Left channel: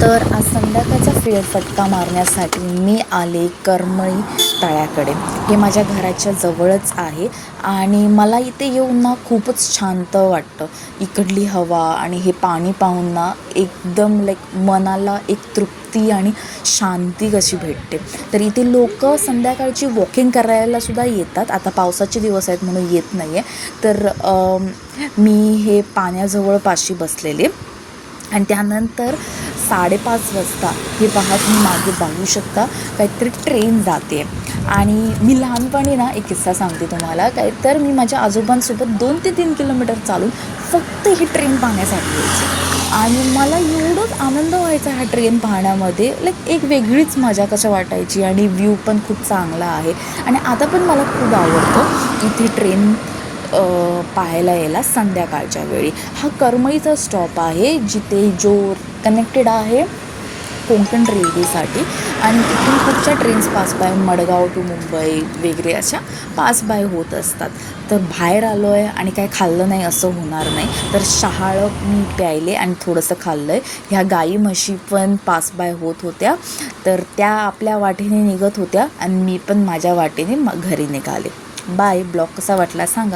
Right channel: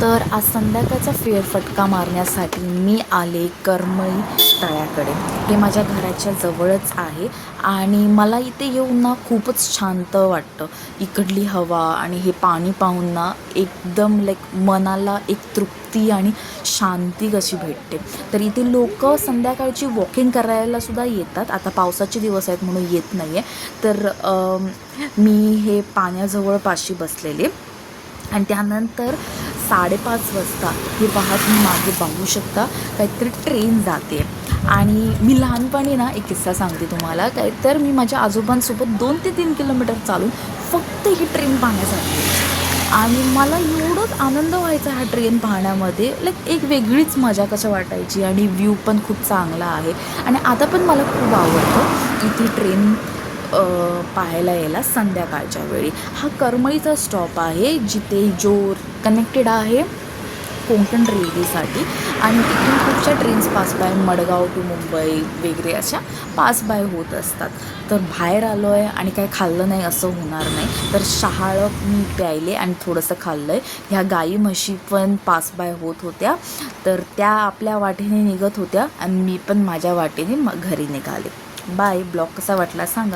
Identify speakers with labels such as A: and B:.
A: तर आज संध्याकाळचा फेरफटका मारण्यासाठी मी आले करमळी तळ्याकडे. हे माझ्या घराच्या जवळच आहे आणि मला इथे येऊन ना खूपच शांत वाटतं. इकडली हवा आणि हे पाणी पाहून ना एकदम लाईक मनाला एक तृप्ती आणि शांती कशी भेटते. तर इथे लोक संध्याकाळची वॉकिंग करायला सुद्धा येतात. आता पावसाचे दिवस आहेत म्हणून येत नाही आहे तर मी हे पाण्याजवळ पाशी बसलेले. आणि त्यानंतर साडेपाच वाजता हे पहा तुम्ही मागे बघू शकता. काहीतरी ट्रेन जाते आणि मी लहानपणी ना एक किस्सा सांगते तुम्हाला. काय तर मी माझ्या आजोबांसोबत दोन ते तीन किलोमीटर चालून फक्त ही ट्रेन पाहण्यासाठी यायची. आणि मला एवढंच आनंद व्हायचा हा ट्रेन पाहण्यामध्ये. लाईक एक वेगळीच मजा कसं वाटायची आणि व्ह्यू पण खूप चांगला आहे. आणि आता पण मला खूप आवडतं इथे ट्रेन पाहायला यायला संध्याकाळच्या वेळी. हा करमळीचा स्टॉप आहे जिथे जो कनेक्टेड आहे कोंकण रेल्वेसाठी आणि इथून खूपशा trains pass by Madgaon to Mumbai वगैरे अशा पास बाय होत असतात. तर बाहेर आलो आहे आणि काय खाल्लं नाही असं होणार नाही. तर शहाळं मी प्यायले आणि थोडंसं खाल्लं आहे ह्या गाई म्हशी पण पास बाय होत होत्या. तर त्या आपल्या वाटेने निघत होत्या आणि मी पण माझ्या वाटेने घरी निघाले. बाय. ब्लॉग कसा वाटला सांगा.